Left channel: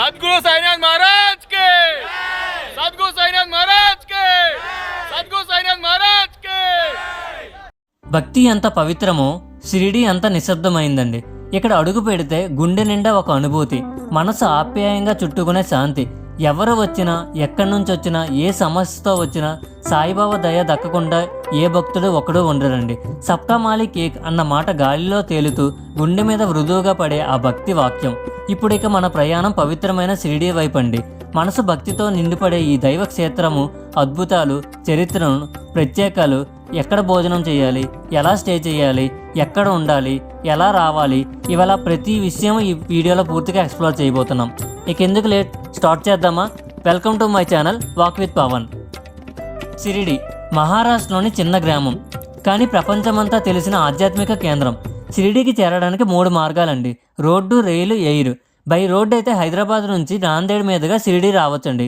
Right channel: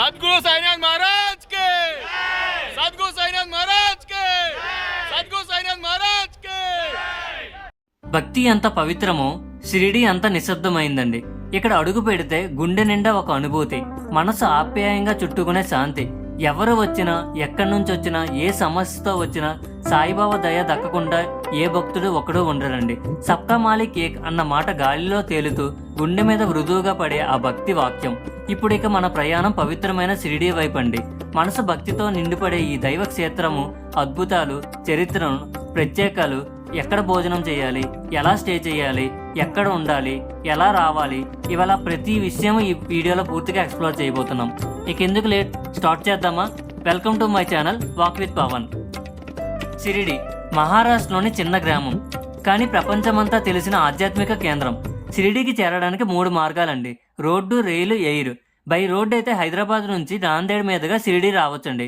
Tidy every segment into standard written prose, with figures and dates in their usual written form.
सद्गुरु साईनाथ महाराज के, सद्गुरु साईनाथ महाराज के, सद्गुरु साईनाथ महाराज के। భక్తి ఎంత పవిత్రమో షిరిడి అంత నిశ్శబ్దమైందండి. ఇక్కడ అడుగు పెడితే గుండె నిండా ఒక అనుభూతి, మనసు ఆప్యాయంగా చుట్టుకునే శాంతి. ఎవరు వచ్చినా, ఎక్కడి నుంచి వచ్చినా, ఏ సమస్యతో వచ్చినా సాయిబాబా దయ దక్కకుండా ఏ భక్తుడు ఒకడు ఉండరండి. సప్తమాలి కేక్ అన్న మాట గాలిలో తేలుతూ గుండె మీద మృదువుగా పడే ఆ భక్తి వాక్యం. ఇప్పుడిక మన ప్రయాణం పవిత్రమైన షిరిడి వైపండి. మనసు భక్తితో నిండిపడే ఈ దైవ క్షేత్రము అద్భుతాలు, చరిత్రను, ప్రత్యేకాలు, ఎక్కడ భోజనం చేయాలి, ఎలా స్టే చేయాలి, ఎక్కడ ఉండాలి, ఎలా రావాలి, ఇవాళ ప్రతి విషయం ఈ వీడియోలో పూర్తిగా ఎక్స్ప్లోర్ చేయబోతున్నాం. ఇక ఎందుకు లేట్, స్టార్ట్ చేద్దామా? Welcome to my channel walk with Pavan. Shirdi మహారాష్ట్రలోని చిన్న గ్రామం, కానీ ప్రపంచమంతా తెలిసిన ఆధ్యాత్మిక కేంద్రం. షిరిడికి చేరడానికి 3 మార్గాలండి: road, rail, air. By road అయితే హైదరాబాద్ నుంచి నాందేడ్ మీదుగా షిరిడి రావచ్చండి.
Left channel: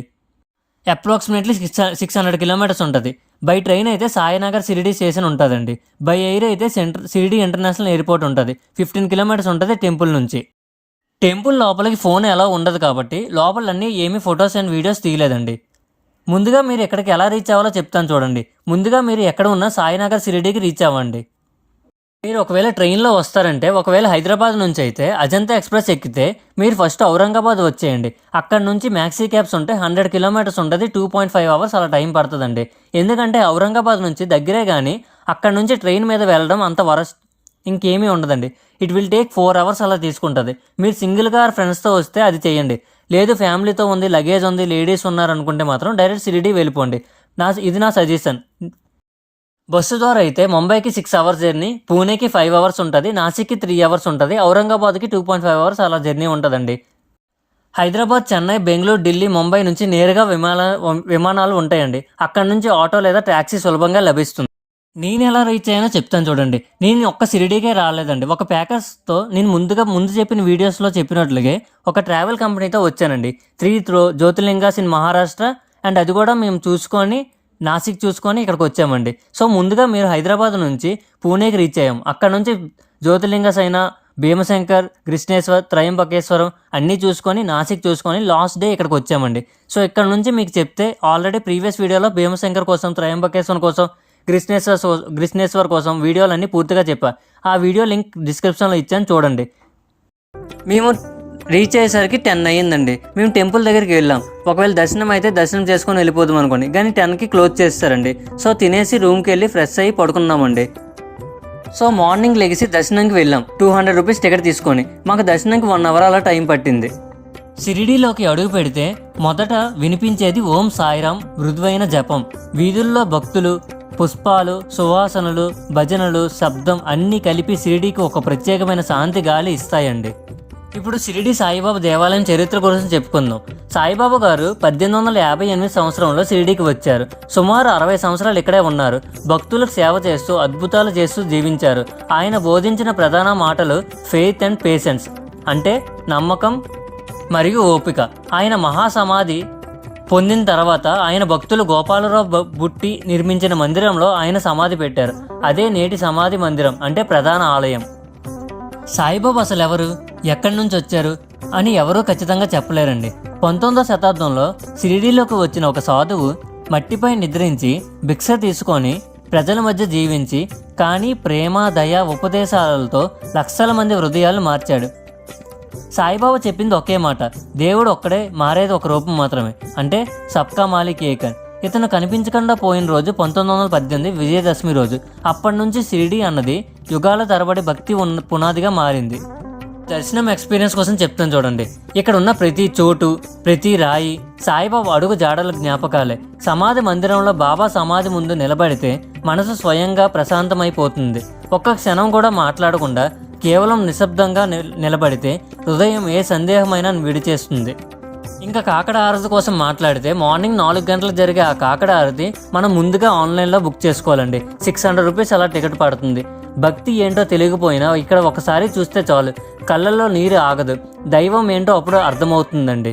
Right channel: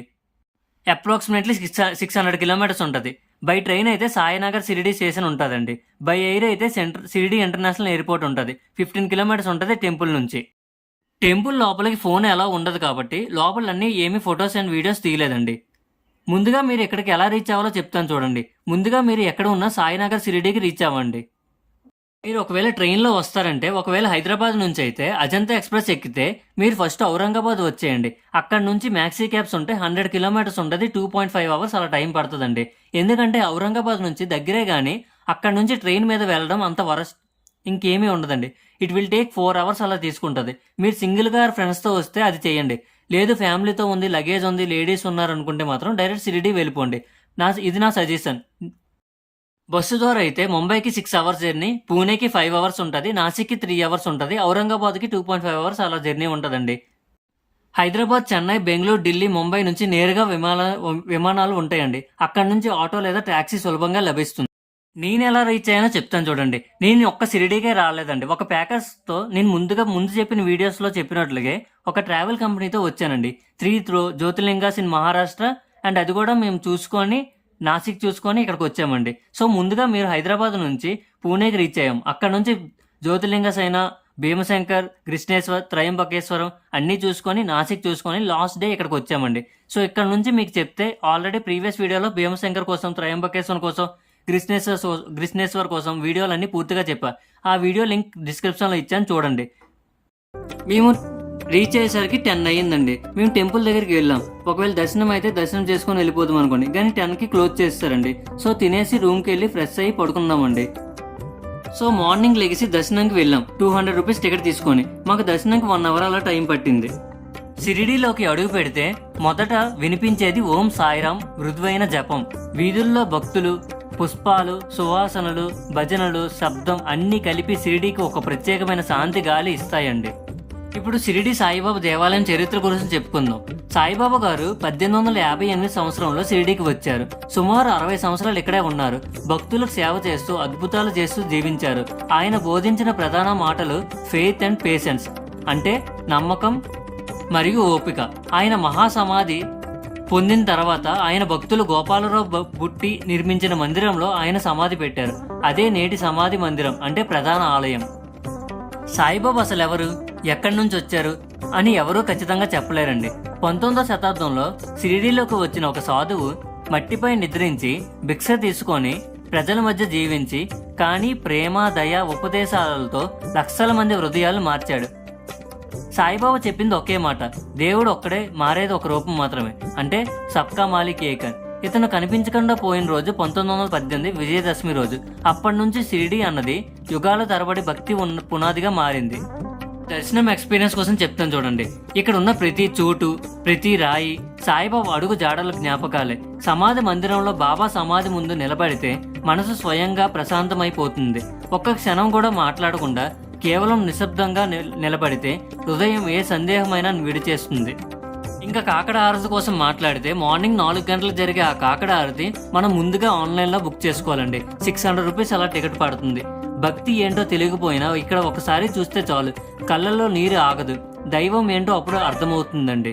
అప్రాక్సిమేట్లీ 600 కిలోమీటర్స్ ఉంటుంది. బై ట్రైన్ అయితే సాయినగర్ షిరిడి స్టేషన్ ఉంటుందండి. బై ఎయిర్ అయితే షిరిడి ఇంటర్నేషనల్ ఎయిర్పోర్ట్ ఉంటుంది. 15 కిలోమీటర్స్ ఉంటుంది టెంపుల్ నుంచి. టెంపుల్ లోపలికి ఫోన్ ఎలా ఉండదు కాబట్టి లోపలన్నీ ఏమీ ఫొటోస్ అండ్ వీడియోస్ తీయలేదండి. ముందుగా మీరు ఎక్కడికి ఎలా రీచ్ అవ్వాలో చెప్తాను చూడండి. ముందుగా మీరు ఎక్కడ ఉన్నా సాయినగర్ షిరిడికి రీచ్ అవ్వండి. మీరు ఒకవేళ ట్రైన్లో వస్తారంటే, ఒకవేళ హైదరాబాద్ నుంచి అయితే అజంతా ఎక్స్ప్రెస్ ఎక్కితే మీరు ఫస్ట్ ఔరంగాబాద్ వచ్చేయండి. అక్కడ నుంచి మ్యాక్సీ క్యాబ్స్ ఉంటే 100 కిలోమీటర్స్ ఉంటుంది, 2.5 అవర్స్ అలా టైం పడుతుందండి. ఎందుకంటే ఔరంగాబాద్ నుంచి దగ్గరే, కానీ అక్కడ నుంచి ట్రైన్ మీద వెళ్ళడం అంత వరస్ట్ ఇంకేమీ ఉండదండి. ఇట్ విల్ టేక్ 4 అవర్స్ అలా తీసుకుంటుంది. మీరు సింగిల్గా ఫ్రెండ్స్తో వస్తే అది చేయండి. లేదు ఫ్యామిలీతో ఉంది, లగేజ్ ఉంది, లేడీస్ ఉన్నారనుకుంటే మాత్రం డైరెక్ట్ షిరిడి వెళ్ళిపోండి. ఇది నా సజెషన్. బస్సు ద్వారా అయితే ముంబైకి 6 అవర్స్ జర్నీ, పూణేకి 5 అవర్స్ ఉంటుంది, నాసిక్కి 3 అవర్స్ ఉంటుంది, ఔరంగాబాద్కి 2.5 అవర్స్ అలా జర్నీ ఉంటుందండి. హైదరాబాద్, చెన్నై, బెంగళూరు, ఢిల్లీ, ముంబై నుంచి నేరుగా విమానాలు ఉంటాయండి. అక్కడ నుంచి ఆటో లేదా ట్యాక్సీ సులభంగా లభిస్తుంది. నేను ఎలా రీచ్ అయ్యానో చెప్తాను చూడండి. నేను ఒక్క షిరిడీకే రాలేదండి. ఒక ప్యాకేజ్తో నేను ముందు చెప్పిన వీడియోస్లో చెప్పినట్లుగా ఒక ట్రావెల్ కంపెనీతో వచ్చానండి. 3 జ్యోతిర్లింగాస్ ఇన్ మహారాష్ట్ర, అండ్ అది కూడా మేము చూసుకొని నాసిక్ చూసుకొని ఇక్కడికి వచ్చామండి. సో ముందుగా మీరు హైదరాబాద్ నుంచి పూణేకి రీచ్ అయ్యాం. అక్కడ నుంచి జ్యోతిర్లింగాస్ అయిన భీమశంకర్, కృష్ణేశ్వర్, త్రయంబకేశ్వరం అన్నీ చూసుకొని నాసిక్ చూసుకొని లాస్ట్ డే ఇక్కడికి వచ్చామండి. సో ఇక్కడ నుంచి మీకు చెప్తే ఆల్రెడీ ప్రీవియస్ వీడియోలో భీమశంకర్ కోసం, త్రయంబకేశ్వరం కోసం, కృష్ణేశ్వర్ కోసం వీడియోలన్నీ పూర్తిగా చెప్పా. ఆ వీడియో లింక్ డిస్క్రిప్షన్లో ఇచ్చాను చూడండి. మేము రీచ్ అయ్యేసరికి 10 అయ్యిందండి. మేము టెంపుల్ దగ్గరికి వెళ్ళాం. ఒకవేళ దర్శనం అయితే దర్శనం చేసుకొని వెళ్ళిపోదాం అనుకోండి, కానీ 10కి క్లోజ్ చేస్తారండి. సో తినేసి రూమ్కి వెళ్ళి ఫ్రెష్ అయ్యి పడుకున్నామండి. సో మార్నింగ్ లెగిసి దర్శనంకి వెళ్ళాం. 200 రూపీస్ టికెట్ తీసుకొని. మాకు దర్శనంకి 1 అవర్ అలా టైం పట్టింది. షిరిడీలోకి అడుగు పెడితే మొదట వినిపించేది ఓం సాయిరాం మృదువైన జపం. వీధుల్లో భక్తులు, పుష్పాలు, సువాసనలు, భజనలు, శబ్దం అన్నీ కలిపి షిరిడీకి ఒక ప్రత్యేకమైన శాంతి గాలి ఇస్తాయండి. ఇప్పుడు షిరిడి సాయిబాబా దేవాలయం చరిత్ర గురించి చెప్పుకుందాం. సాయిబాబా గారు 1858 సంవత్సరంలో షిరిడీకి వచ్చారు. సుమారు 60 సంవత్సరాలు ఇక్కడే ఉన్నారు. భక్తులకు సేవ చేస్తూ, అద్భుతాలు చేస్తూ జీవించారు. ఆయన బోధించిన ప్రధాన మాటలు ఫెయిత్ అండ్ పేషెన్స్, అంటే నమ్మకం మరియు ఓపిక. ఆయన మహాసమాధి పొందిన తర్వాత ఆయన భక్తులు గోపాలరావు బుట్టి నిర్మించిన మందిరంలో ఆయన సమాధి పెట్టారు. అదే నేటి సమాధి మందిరం, అంటే ప్రధాన ఆలయం. సాయిబాబా అసలు ఎవరు, ఎక్కడి నుంచి వచ్చారు అని ఎవరూ ఖచ్చితంగా చెప్పలేరండి. 19వ శతాబ్దంలో షిరిడీలోకి వచ్చిన ఒక సాధువు మట్టిపై నిద్రించి భిక్ష తీసుకొని ప్రజల మధ్య జీవించి, కానీ ప్రేమ, దయ, ఉపదేశాలతో లక్షల మంది హృదయాలను మార్చాడు. సాయిబాబా చెప్పింది ఒకే మాట: దేవుడు ఒక్కడే, మారేది ఒక రూపం మాత్రమే, అంటే సబ్కా మాలిక్ ఏక్. ఇతను కనిపించకుండా పోయిన రోజు 1918 విజయదశమి రోజు. అప్పటి నుంచి షిరిడి అన్నది యుగాల తరబడి భక్తి పునాదిగా మారింది. దర్శనం ఎక్స్పీరియన్స్ కోసం చెప్తాను చూడండి. ఇక్కడ ఉన్న ప్రతి చోటు, ప్రతి రాయి సాయిబాబా అడుగు జాడల జ్ఞాపకాలే. సమాధి మందిరంలో బాబా సమాధి ముందు నిలబడితే మనసు స్వయంగా ప్రశాంతమైపోతుంది. ఒక్క క్షణం కూడా మాట్లాడకుండా కేవలం నిశ్శబ్దంగా నిలబడితే హృదయం ఏ సందేహమైనా విడిచేస్తుంది. ఇంకా కాకడ హారతి కోసం మాట్లాడితే మార్నింగ్ 4 గంటలకు జరిగే ఆ కాకడ హారతి మనం ముందుగా ఆన్లైన్లో బుక్ చేసుకోవాలండి. 600 రూపీస్ అలా టికెట్ పడుతుంది. భక్తి ఏంటో తెలియకపోయినా ఇక్కడ ఒకసారి చూస్తే చాలు, కళ్ళల్లో నీరు ఆగదు. దైవం ఏంటో అప్పుడు అర్థమవుతుందండి.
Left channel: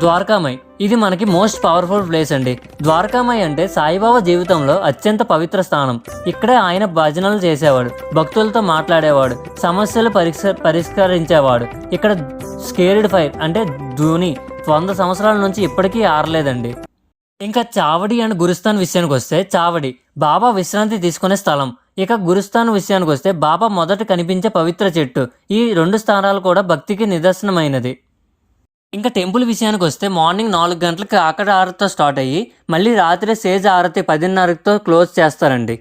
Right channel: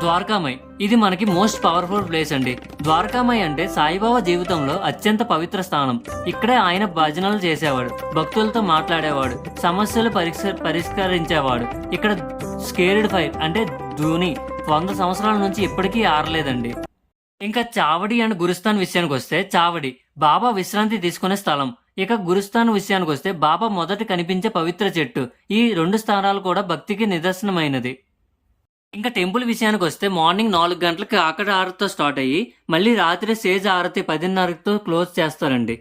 ద్వారకామాయి ఇది మనకి మోస్ట్ పవర్ఫుల్ ప్లేస్ అండి. ద్వారకామాయి అంటే సాయిబాబా జీవితంలో అత్యంత పవిత్ర స్థానం. ఇక్కడే ఆయన భజనలు చేసేవాడు, భక్తులతో మాట్లాడేవాడు, సమస్యలు పరిష్కరించేవాడు. ఇక్కడ స్కేర్డ్ ఫైర్ అంటే ధూని 100 సంవత్సరాల నుంచి ఇప్పటికీ ఆరలేదండి. ఇంకా చావడి అండ్ గురుస్థాన్ విషయానికి వస్తే, చావడి బాబా విశ్రాంతి తీసుకునే స్థలం. ఇక గురుస్థాన్ విషయానికి వస్తే బాబా మొదట కనిపించే పవిత్ర చెట్టు. ఈ 2 స్థానాలు కూడా భక్తికి నిదర్శనమైనది. ఇంకా టెంపుల్ విషయానికి వస్తే మార్నింగ్ 4 గంటలకు ఆకడ ఆరతితో స్టార్ట్ అయ్యి మళ్ళీ రాత్రి సేజ్ ఆరతి 10:30తో క్లోజ్ చేస్తారండి.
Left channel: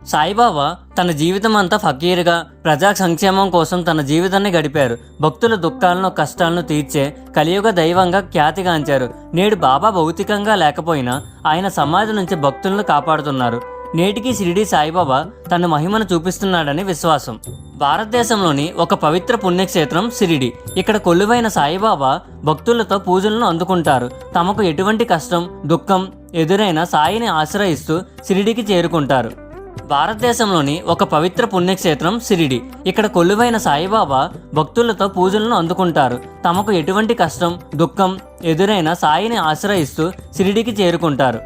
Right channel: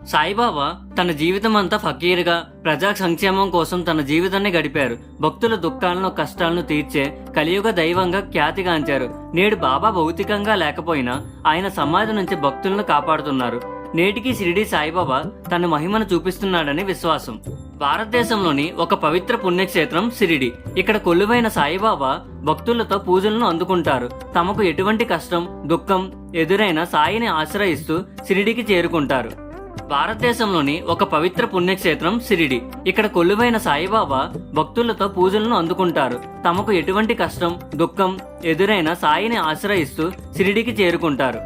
సాయిబాబా తన జీవితం అంతా ఫకీర్గా ప్రజా సంక్షేమం కోసం తన జీవితాన్ని గడిపారు. భక్తుల దుఃఖాలను కష్టాలను తీర్చే కలియుగ దైవంగా ఖ్యాతిగాంచారు. నేడు బాబా భౌతికంగా లేకపోయినా ఆయన సమాధి నుంచి భక్తులను కాపాడుతున్నారు. నేటికి షిరిడి సాయిబాబా తన మహిమను చూపిస్తున్నాడని విశ్వాసం. భారతదేశంలోని ఒక పవిత్ర పుణ్యక్షేత్రం షిరిడి. ఇక్కడ కొలువైన సాయిబాబా భక్తులతో పూజలను అందుకుంటారు. తమకు ఎటువంటి కష్టం దుఃఖం ఎదురైనా సాయిని ఆశ్రయిస్తూ షిరిడికి చేరుకుంటారు. భారతదేశంలోని ఒక పవిత్ర పుణ్యక్షేత్రం షిరిడి. ఇక్కడ కొలువైన సాయిబాబా భక్తులతో పూజలను అందుకుంటారు. తమకు ఎటువంటి కష్టం దుఃఖం ఎదురైనా సాయిని ఆశ్రయిస్తూ షిరిడికి చేరుకుంటారు.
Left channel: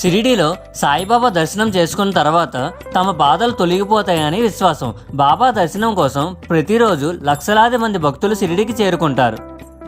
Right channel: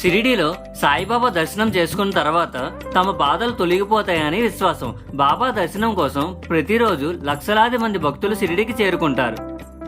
షిరిడీలో సాయిబాబా దర్శనం చేసుకున్న తర్వాత తమ బాధలు తొలగిపోతాయని విశ్వాసం. బాబా దర్శనం కోసం ప్రతిరోజు లక్షలాది మంది భక్తులు షిరిడీకి చేరుకుంటారు.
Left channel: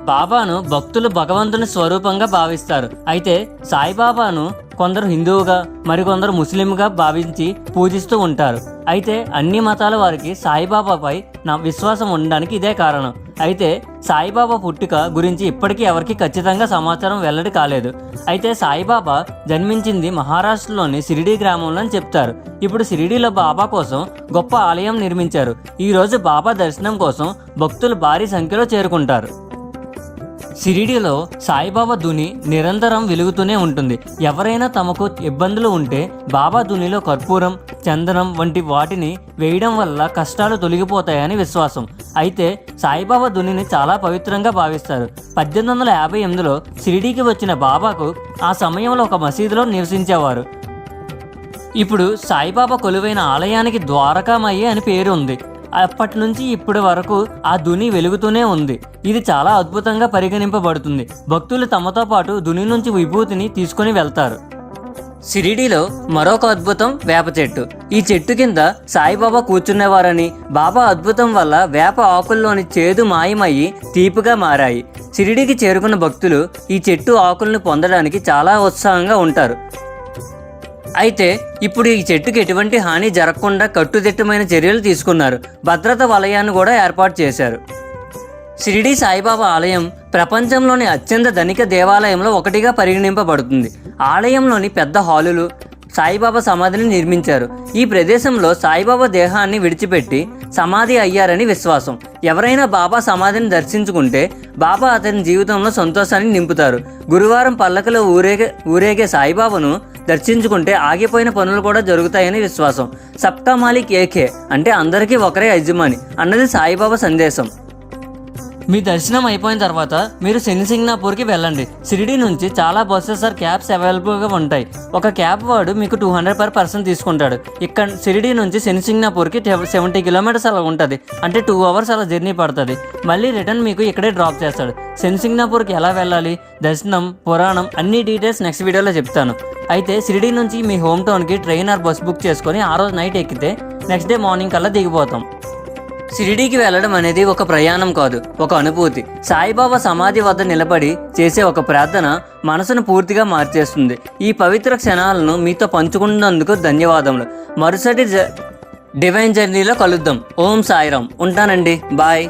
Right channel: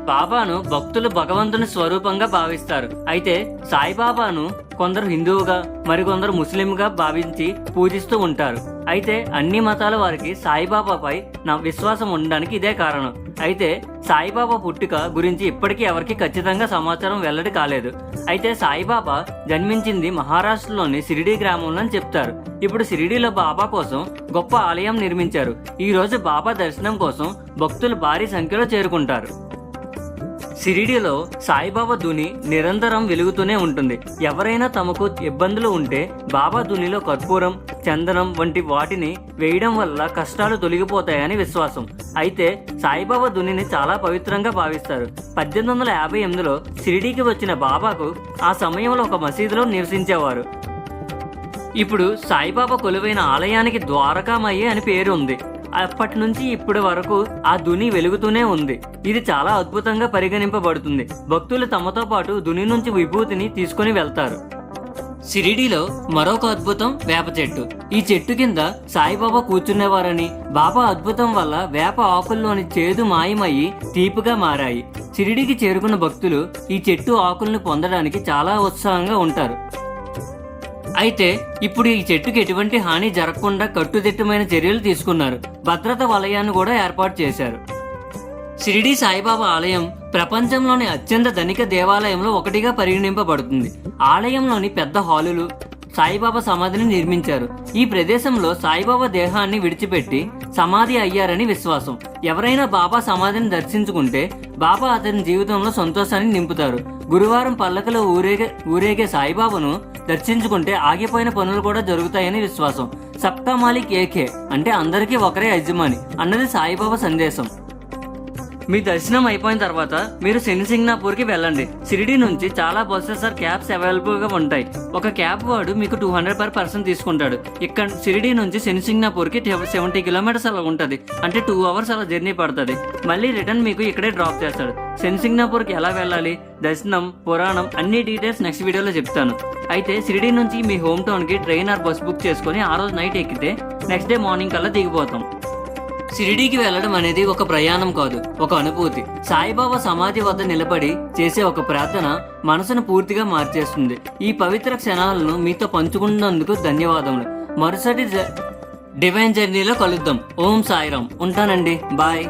బాబాను భక్తులు భగవంతుని స్వరూపంగా భావిస్తారు. అయితే సాయిబాబాను కొందరు హిందువుగా మరికొందరు ముస్లింగా భావించి పూజిస్తూ ఉంటారు. అయితే అన్ని మతాల వారికి సాయిబాబాపై నా విశ్వాసం ఉండడానికి ఇదే కారణం. అయితే సాయిబాబా పుట్టుక గురించి ఇప్పటికీ ఎవరికి ఖచ్చితంగా సమాచారం వెల్లడి కాలేదు. అయితే సాయిబాబా జన్మించింది మహారాష్ట్రలోని షిరిడి గ్రామంలో అని చెప్తారు. ఇప్పుడు షిరిడీలో బాబా కోసం గొప్ప ఆలయం నిర్మించారు. ఈ రోజు బాబా దర్శనం కోసం భక్తులు భారీ సంఖ్యలో చేరుకుంటారు. షిరిడీలో సాయిబాబా ధుని నిరంతరం వెలుగుతూనే ఉంటుంది. ఎవరైనా తమకు ఇబ్బందులు ఉంటే బాబా ధునిలో కర్పూరం చందనం వంటి వాటిని వేయడం వల్ల కష్టాలు తొలగిపోతాయని విశ్వాసం. అయితే సాయిబాబా ధునిని చాలా పవిత్రంగా భావిస్తారు. 1858లో షిరిడీకి వచ్చిన బాబాకు ఆ సమయంలో ఒక మసీదులో నివసించేవారు. ఇప్పుడు సాయిబాబా కొలువైన ఆలయానికి ద్వారకామాయి అని పేరు ఉంది. అప్పటి నుంచి ఇప్పటి వరకు ఆ ధుని వెలుగుతూనే ఉంది. ఇది చాలా అద్భుతంగా పరిగణింపబడుతుంది. భక్తులు తమతో పాటు ధుని నుంచి విభూతిని తీసుకుని వెళ్తారు. షిరిడీలో మరొక అద్భుతం వేప చెట్టు. ఈ చెట్టు కింద సాయిబాబా కూర్చునేవారని, బాబా అద్భుతం వల్ల వేప ఆకుల్లోని చేదు మాయమయ్యి తీపిగా మారాయి. షిరిడీకి చేరుకున్న భక్తులు ఈ చెట్టు ఆకులను పొందడానికి చాలా ఉత్సాహంగా ఉంటారు. అయితే ఇప్పుడు ఈ చెట్టుకి ఎటువంటి హాని జరగకుండా కట్టుదిట్టమైన చర్యలు తీసుకున్నారు. భద్రత వలయాన్ని కూడా ఏర్పాటు చేశారు. షిరిడి సాయిబాబా ఆలయం ప్రపంచంలోని అత్యంత ధనిక దేవాలయంలో ఒకటిగా పరిగణింపబడుతుంది. ఆలయంలోని పెద్ద హాలులు సాయిబాబా సమాధిని నిర్మించారు. ఈ ప్రదేశంలో సాయిబాబా దేహాన్ని విడిచిపెట్టి సమాధి అయ్యారని విశ్వాసం. ఎవరైనా బాబా సమాధిని దర్శించుకుంటే బాబా అతని జీవితంలో సంతోషాన్ని నింపుతారు. గురువారం పల్లకలో ఊరేగే సాయిబాబాను దర్శించుకుంటే ఆగిపోయిన పనులు కూడా జరుగుతాయని విశ్వాసం. సబ్కా మాలిక్ ఏకే అంటే అందరికీ ఒకరే యజమాని అన్నది సాయిబాబా సందేశం. మీ దర్శనం అయిపోయిన తర్వాత మీరు శనిసింగ్నాపూర్కి వెళ్ళండి. షిరిడి నుంచి చాలా బస్సెస్ క్యాబ్స్ అవైలబుల్గా ఉంటాయి. ఒక క్యాబ్ వాడు మీకు 200 per person తీసుకుంటాడు. ఇక్కడ షిరిడి నుంచి శనిసింగ్నాపూర్కి 70 kilometers అలా ఉంటుంది. అంటే 2 hours అలా జర్నీ పడుతుంది. మళ్ళీ రిటర్న్ మీకు ఇక్కడే డ్రాప్ చేస్తాడు. శనిసింగ్నాపూర్కి ఎలా వెళ్ళాలి, దర్శనం, పురాణం అన్ని డీటెయిల్స్ నెక్స్ట్ వీడియోలో చెప్తాను. అయితే షిరిడి నుంచి మీ హోమ్ టౌన్కి ట్రైన్ ఆర్ బస్ బుక్ చేసుకొని ఆ రోజు నైట్ ఎక్కితే నెక్స్ట్ డే మార్నింగ్ కల్లా దిగిపోతాం. షిరిడీకి వెళ్ళడం అనేది ఒక ప్రయాణం కాదు, ఒక అనుభూతి. సాయిబాబా సమాధి వద్ద నిలబడి చేసే ఒక ప్రార్థన మనసును పూర్తిగా మార్చేస్తుంది. ఈ పవిత్ర క్షణాలను మీతో పంచుకున్నందుకు ధన్యవాదములు. మరుసటి డివైన్ జర్నీలో కలుద్దాం. ఓం సాయిరాం. ఉంటానండి. బాయ్.